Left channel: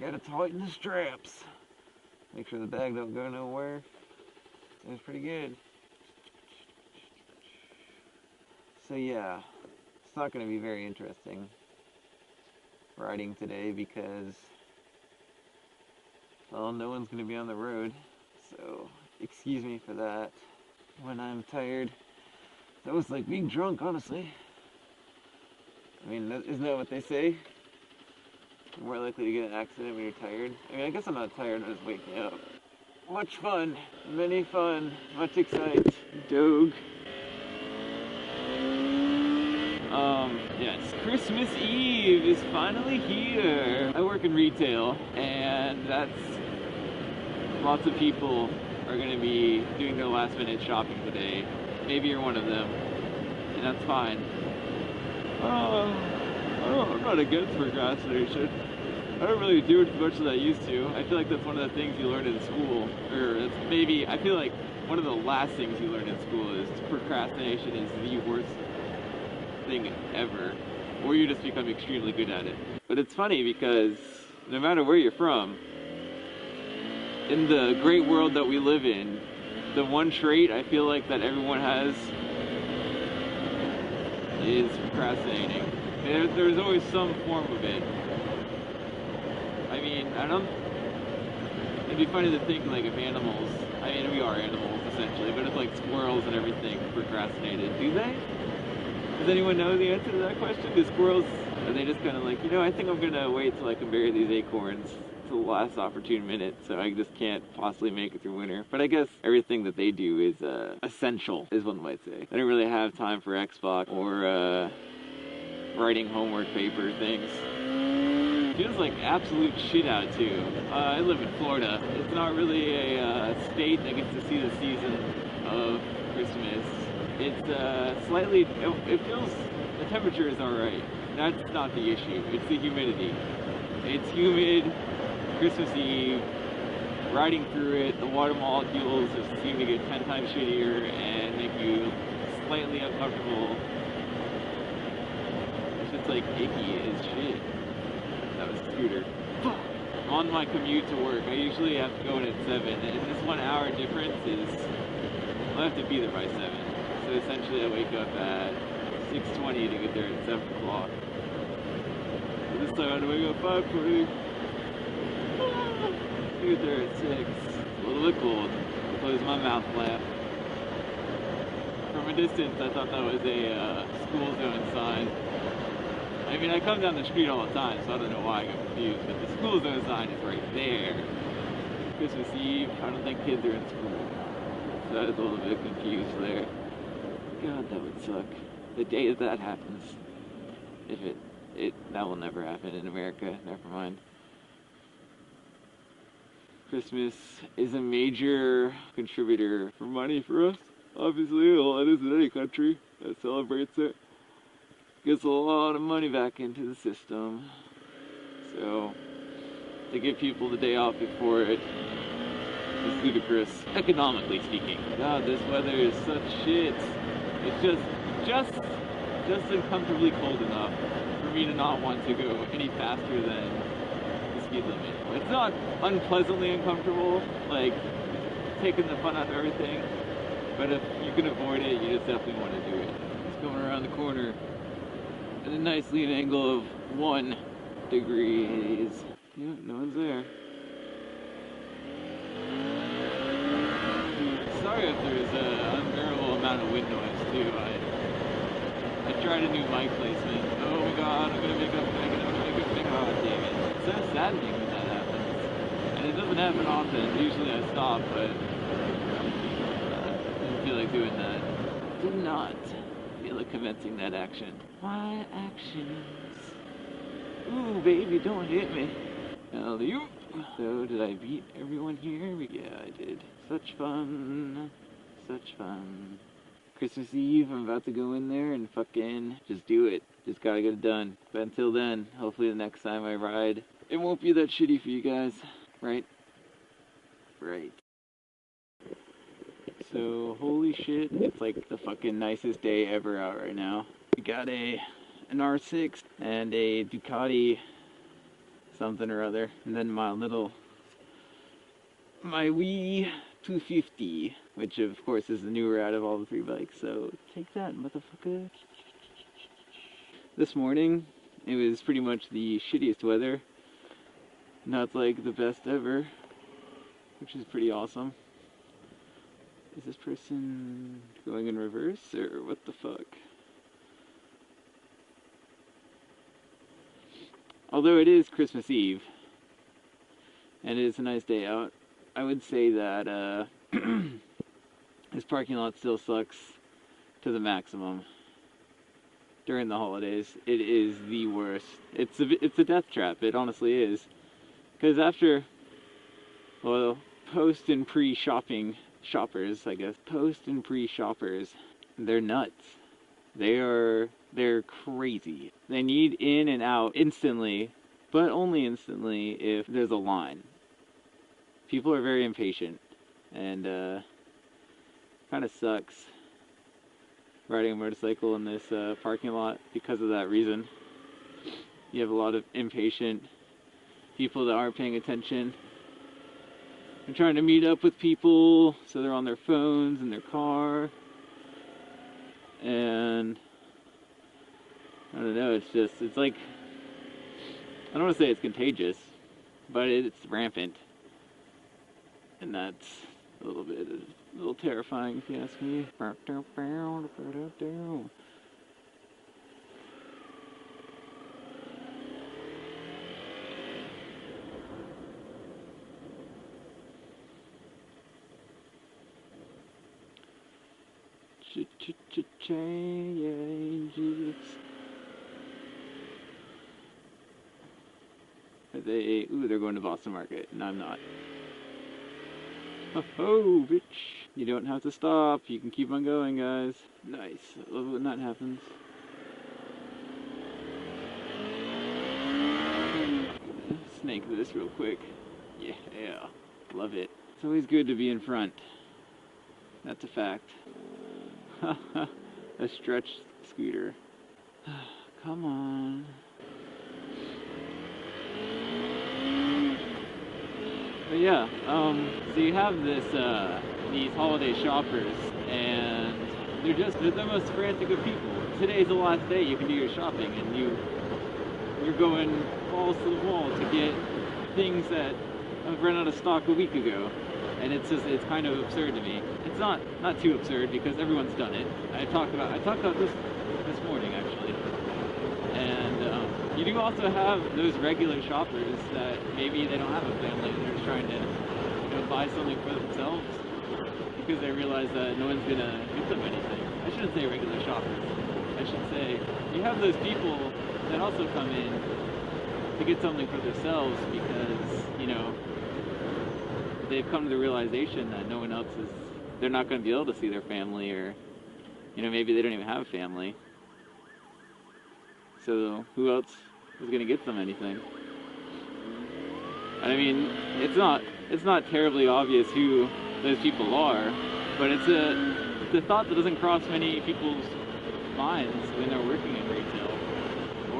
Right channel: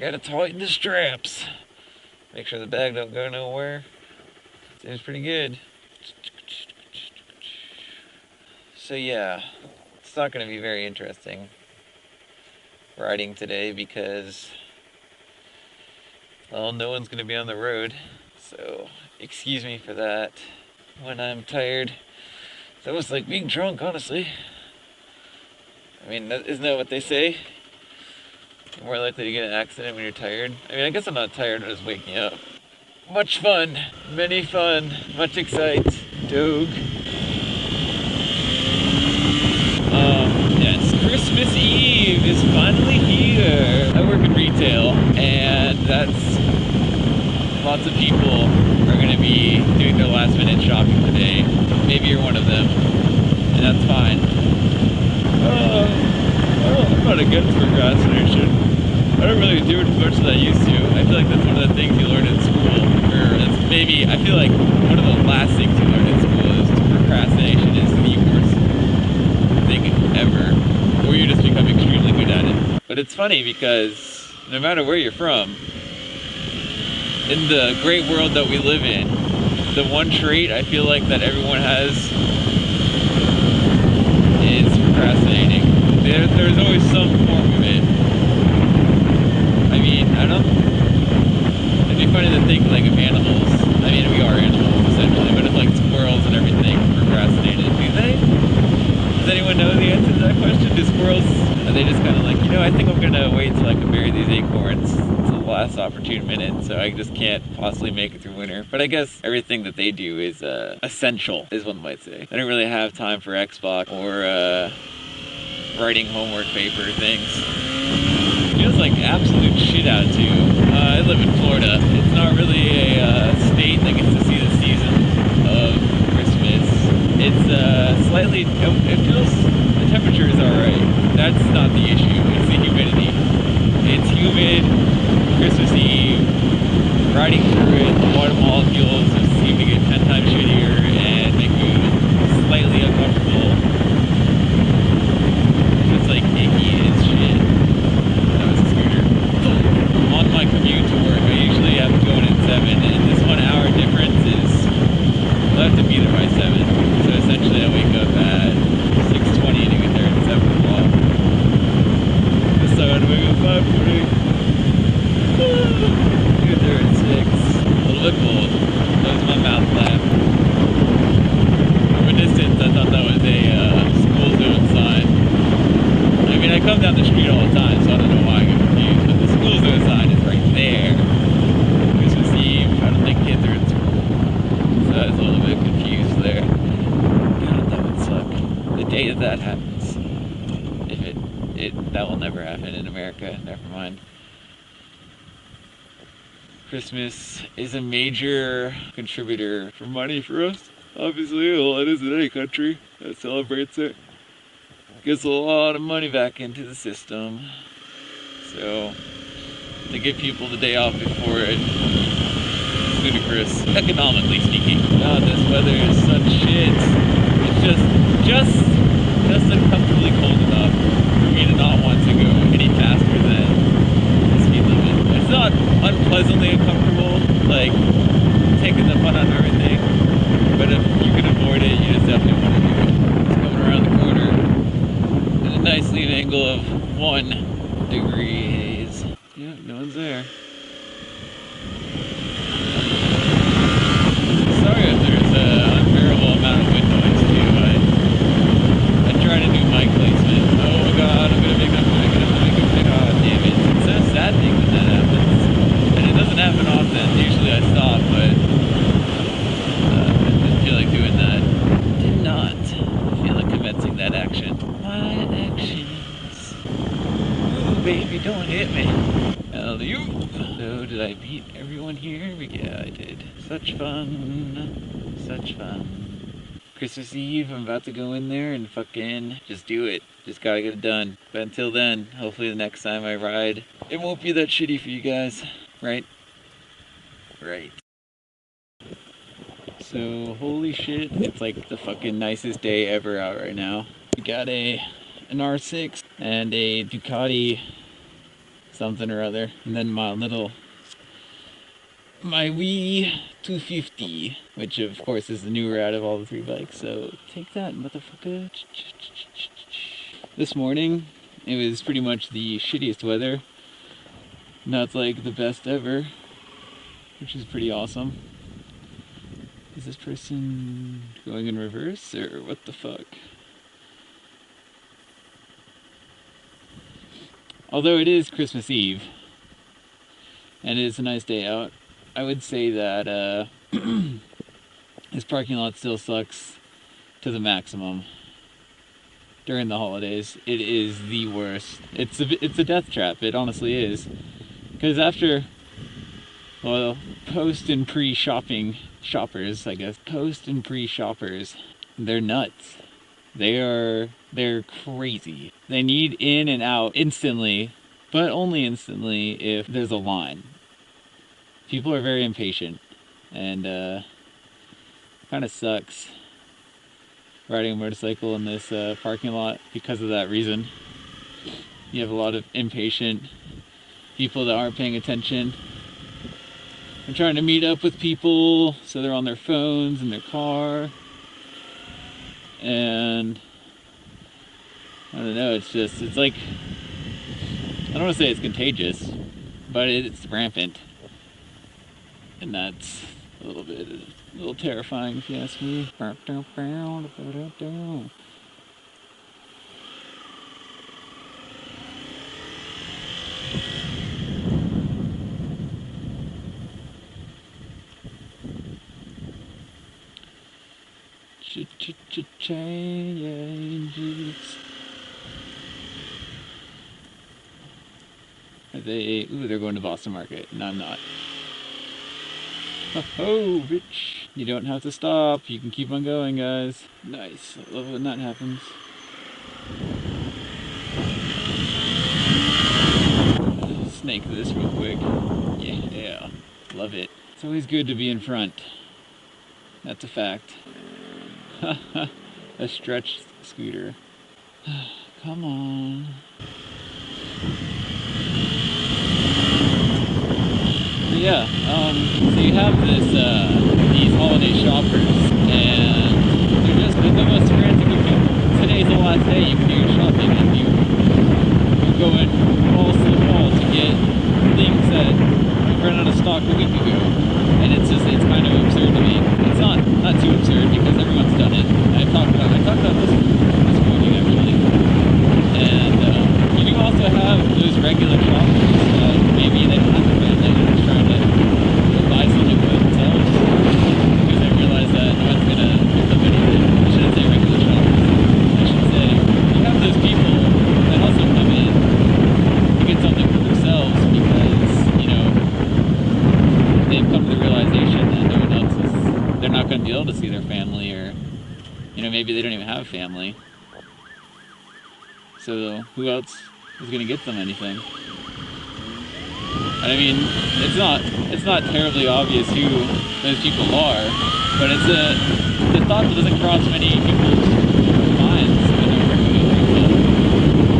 Gotta tighten the straps. Make sure the bag don't go nowhere. Seems pretty good. So yeah, it's not gonna be very interesting riding today because, well, no one's gonna be on the road. So excuse me for that. When I'm tired, it's almost like being drunk, honestly. I mean, isn't that what they say? You're more likely to get in an accident when you're tired. I mean, I guess I'm not tired, I'm just waking up. Much fun, many fun, much excite. Doug. Yes, Christmas Eve is finally here. I work in retail, and that's lots of people are going to be doing their last minute shopping today. Maybe you're one of them, and that's fine. I'm not against procrastination. I don't really do it as much as I used to. I feel like that's one of the things you learn in school, or that's maybe, I feel like one of the last things you learn in school is procrastination is the worst thing ever, or you just become extremely good at it. But it's funny because no matter where you're from, in the great world that we live in, the one trait I feel like that everyone has is procrastinating. There's always some form of it. I mean, it'd be funny to think like of animals. I mean, we are animals essentially, but if like squirrels and everything procrastinated, do they? Does anyone know the answer to that question? Do squirrels, are they just kind of like, I think I'm gonna wait till I can bury these acorns to the last opportune minute, so I just can't possibly make it through winter. But I guess everything that they do is essential, is one might say. They don't really have time for Xbox or writing homework paper things. It feels like absolute shit out too. I live in Florida. It's not really a state that gets to see the season of Christmas. It's slightly, it feels, the temperature is alright. That's not the issue, it's the humidity. It's humid, Christmas Eve, riding through it, the water molecules just seem to get 10 times shittier and make you slightly uncomfortable. It's like icky as shit. That was a scooter. On my commute to work, I usually have to go in at 7, and this 1 hour difference is, I'll have to be there by 7. So essentially I wake up at 6:20 to get there at 7 o'clock. This time I had to wake up at 5:40. Get there at 6. A little bit cold. Close my mouth flap. From a distance I thought that was a school zone sign. I mean, I come down the street all the time, so I don't know why I get confused, but the school zone sign is right there. Christmas Eve, I don't think kids are in school, so I was a little bit confused there. God, that would suck. The day that happens. If that will never happen in America, never mind. Christmas is a major contributor for money for us. Obviously, well, it is in any country that celebrates it. Gets a lot of money back into the system. So to give people the day off before it is ludicrous, economically speaking. God, this weather is such shit. It's just uncomfortably cold enough for me to not want to go any faster than the speed limit. It's not unpleasantly uncomfortable, like taking the fun out of everything, but if you can avoid it, you just definitely want to do it. It's coming around the corner. A nice lead angle of 1 degree haze. Yeah, no one's there. Sorry if there's an unbearable amount of wind noise too. I'm trying to do mic placement. Oh my god, I'm gonna make it. God damn it. It's so saddening when that happens. And it doesn't happen often. Usually I stop, but I didn't feel like doing that. Did not feel like commencing that action. My actions. Ooh, baby, don't hit me. Alley-oop. So, did I beat everyone here? Yeah, I did. Such fun. Such fun. Christmas Eve, I'm about to go in there and fucking just do it. Just gotta get it done. But until then, hopefully the next time I ride, it won't be that shitty for you guys. Right? Right. So, holy shit, it's like the fucking nicest day ever out right now. We got an R6 and a Ducati something or other. And then my wee 250, which of course is the newer out of all the 3 bikes. So take that, motherfucker. This morning, it was pretty much the shittiest weather. Not like the best ever, which is pretty awesome. Is this person going in reverse, or what the fuck? Although it is Christmas Eve, and it is a nice day out, I would say that this parking lot still sucks to the maximum. During the holidays, it is the worst. It's a death trap, it honestly is. Because after, well, post and pre-shopping shoppers, I guess, post and pre-shoppers, they're nuts. They're crazy. They need in and out instantly, but only instantly if there's a line. People are very impatient, and kind of sucks riding a motorcycle in this parking lot because of that reason. You have a lot of impatient people that aren't paying attention. They're trying to meet up with people, so they're on their phones in their car. And I don't know, it's like, I don't want to say it's contagious, but it's rampant. And that's a little terrifying if you ask me. Changes. Are they? Ooh, they're going to Boston Market. No, I'm not. Oh, bitch. You don't have to stop. You can keep on going, guys. Nice. I love when that happens. Snake this real quick. Yeah. Love it. It's always good to be in front. That's a fact. A stretch scooter. Come on. But yeah, so you have these holiday shoppers, and they're the most frantic of people. Today's the last day you can do your shopping, and you go in walls to the wall to get things that ran out of stock a week ago. And it's kind of absurd to me. It's not too absurd because everyone's done it. I talked about this morning actually. And you do also have those regular shoppers that maybe they don't have to spend. They're just trying to buy something for themselves because they realize that no one's gonna give them anything. I shouldn't say regular shoppers. I should say you have those people that also come in to get something for themselves because, you know, they've come to the realization that no one else they're not going to be able to see their family, or, you know, maybe they don't even have a family. So who else is going to get them anything? I mean, it's not terribly obvious who those people are, but it's the thought that doesn't cross many people's minds when they're working at retail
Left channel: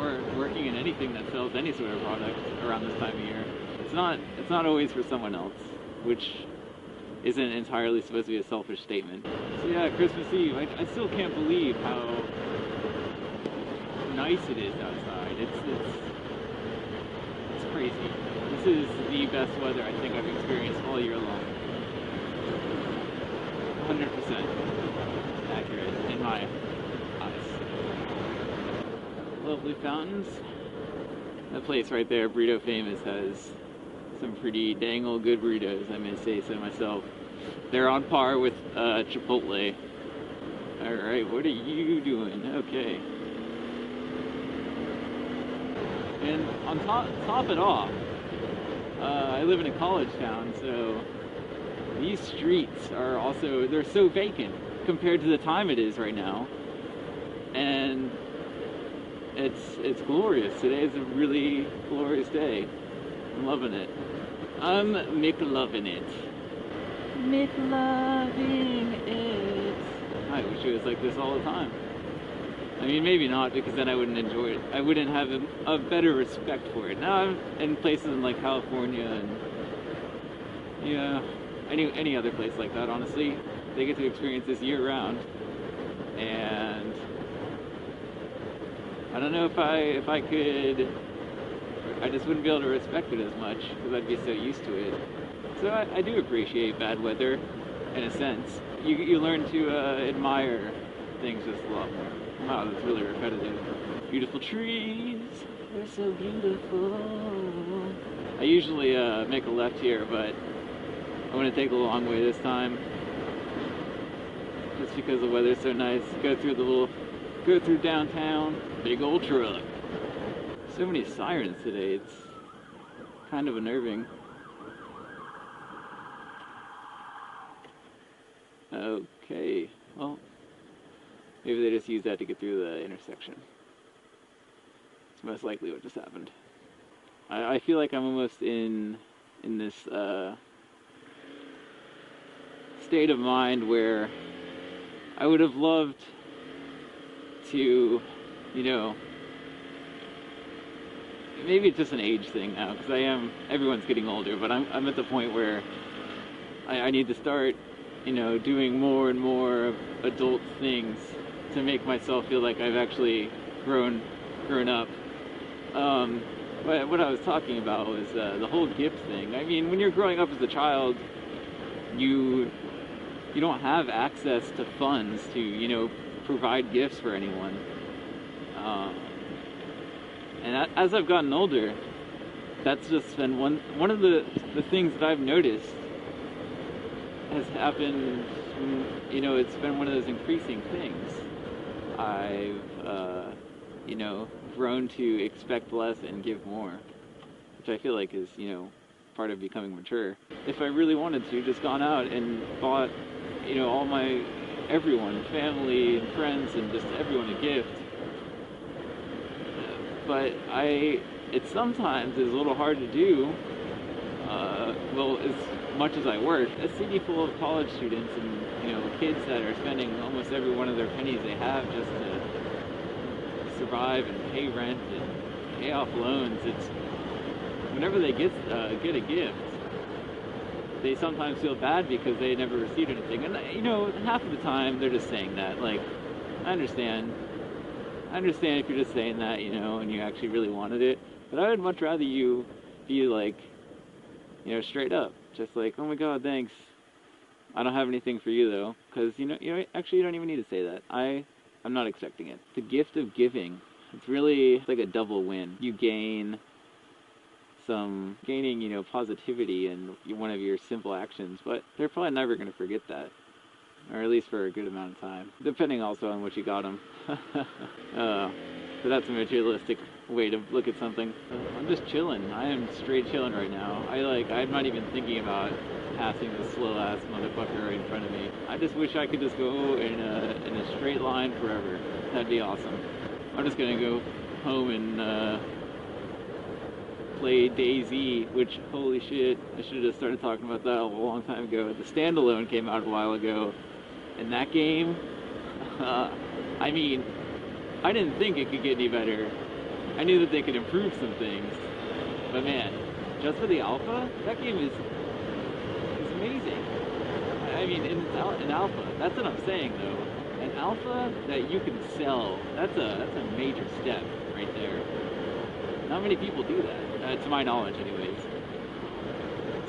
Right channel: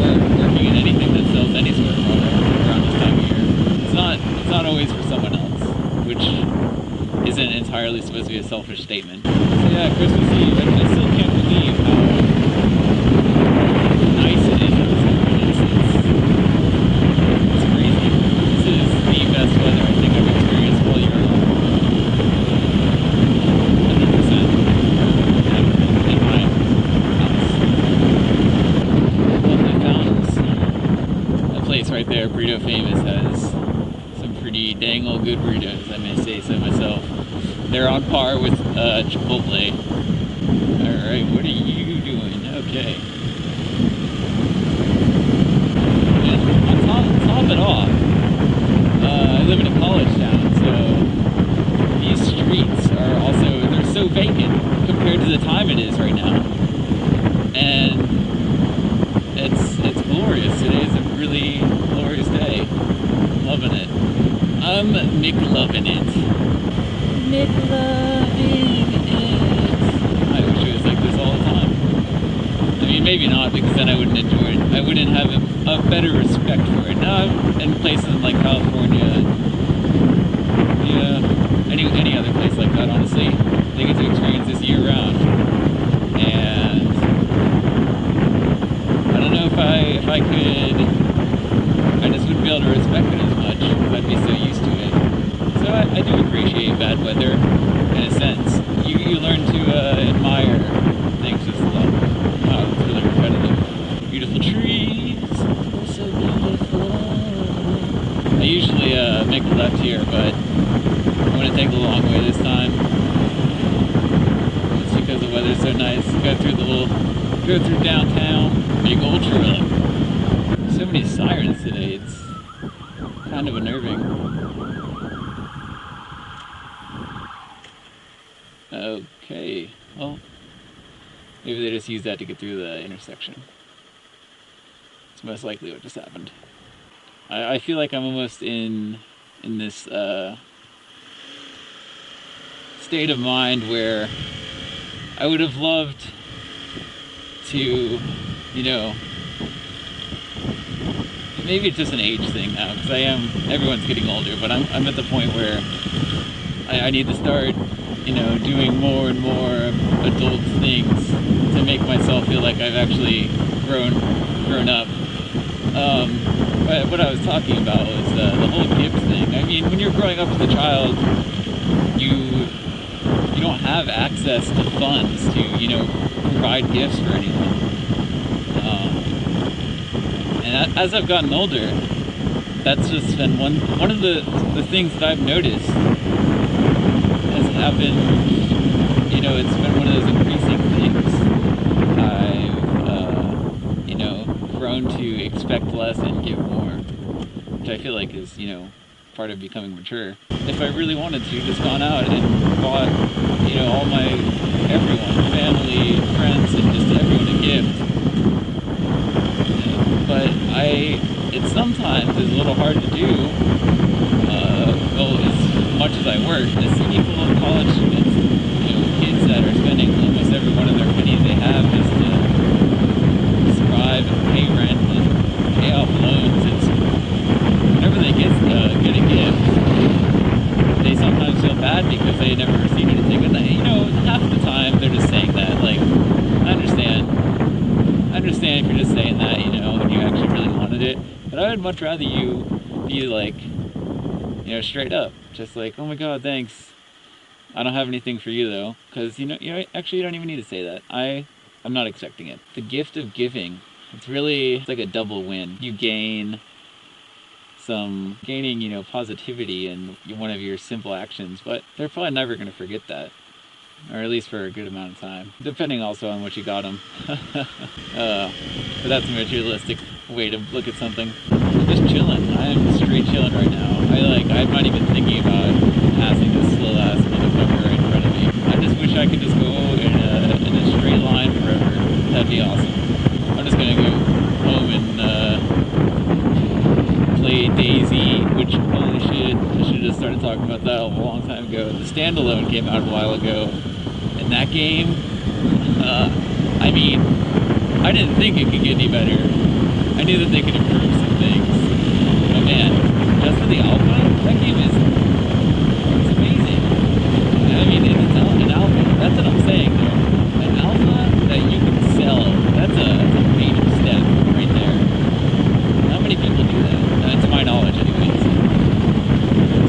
or working in anything that sells any sort of product around this time of year. It's not always for someone else, which isn't entirely supposed to be a selfish statement. So yeah, Christmas Eve, I still can't believe how nice it is outside. It's crazy. This is the best weather I think I've experienced all year long. 100% in my house. Lovely fountains. That place right there, Burrito Famous, has some pretty dang old good burritos, I may say so myself. They're on par with Chipotle. Alright, what are you doing? Okay. And on top it off, I live in a college town, so these streets are also, they're so vacant compared to the time it is right now. And it's glorious. Today is a really glorious day. I'm loving it. I'm McLovin' it. McLovin' it. I wish it was like this all the time. I mean, maybe not, because then I wouldn't enjoy it. I wouldn't have a better respect for it. Now, in places like California, yeah, any other place like that, honestly, they get to experience this year round. And I don't know if I could, I just wouldn't be able to respect it as much because I'd be so used to it. So I do appreciate bad weather in a sense. You learn to admire things just a lot more. Wow, it's really repetitive. Beautiful trees, they're so beautiful. I usually make a left here, but I'm going to take the long way this time. Just because the weather's so nice. Go through downtown. Big old truck. So many sirens today, it's kind of unnerving. Okay, well, maybe they just used that to get through the intersection. It's most likely what just happened. I feel like I'm almost in this state of mind where I would have loved to, you know, maybe it's just an age thing now, because everyone's getting older, but I'm at the point where I need to start, you know, doing more and more adult things to make myself feel like I've actually grown up. But what I was talking about was the whole gift thing. I mean, when you're growing up as a child, you don't have access to funds to, you know, provide gifts for anyone. And as I've gotten older, that's just been one of the things that I've noticed has happened. You know, it's been one of those increasing things. I've, you know, grown to expect less and give more, which I feel like is, you know, part of becoming mature. If I really wanted to, just gone out and bought, you know, everyone, family, friends, and just everyone a gift. But it sometimes is a little hard to do. Well, as much as I work, I see people, college students, you know, kids that are spending almost every one of their pennies they have just to survive and pay rent and pay off loans. It's whenever they get a gift, they sometimes feel bad because they never received anything. And you know, half the time they're just saying that. Like, I understand if you're just saying that, you know, and you actually really wanted it. But I would much rather you be like, you know, straight up, just like, oh my God, thanks. I don't have anything for you though, because you know, actually, you don't even need to say that. I'm not expecting it. The gift of giving, it's like a double win. You gaining, you know, positivity in one of your simple actions, but they're probably never going to forget that. Or at least for a good amount of time, depending also on what you got them. But that's a materialistic way to look at something. I'm just chilling. I am straight chilling right now. I'm not even thinking about passing this slow ass motherfucker right in front of me. I just wish I could just go in a straight line forever. That'd be awesome. I'm just gonna go home and play Daisy, which, holy shit, I should have started talking about that a long time ago. The standalone came out a while ago. And that game, I mean, I didn't think it could get any better. I knew that they could improve some things. But man, just for the alpha, that game it's amazing. I mean, it's an alpha. That's what I'm saying, though. An alpha that you can sell, that's a major step right there. Not many people do that, to my knowledge anyways.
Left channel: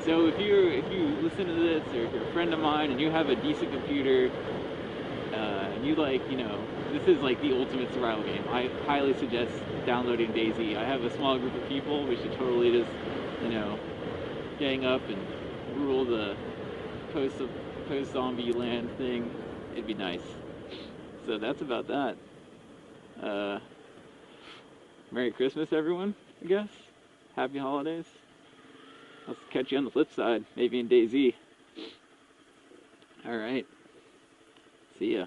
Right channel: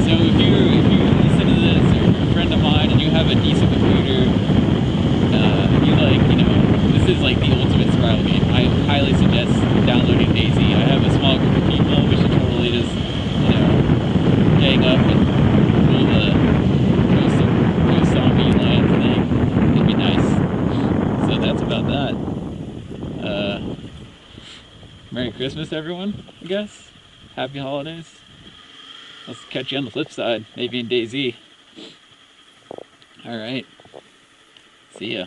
So if you listen to this, or you're a friend of mine, and you have a decent computer, you like, you know, this is like the ultimate survival game. I highly suggest downloading Daisy. I have a small group of people. We should totally just, you know, gang up and pull the post zombie land thing. It'd be nice. So that's about that. Merry Christmas, everyone, I guess. Happy holidays. I'll catch you on the flip side, maybe in DayZ. Alright. See ya.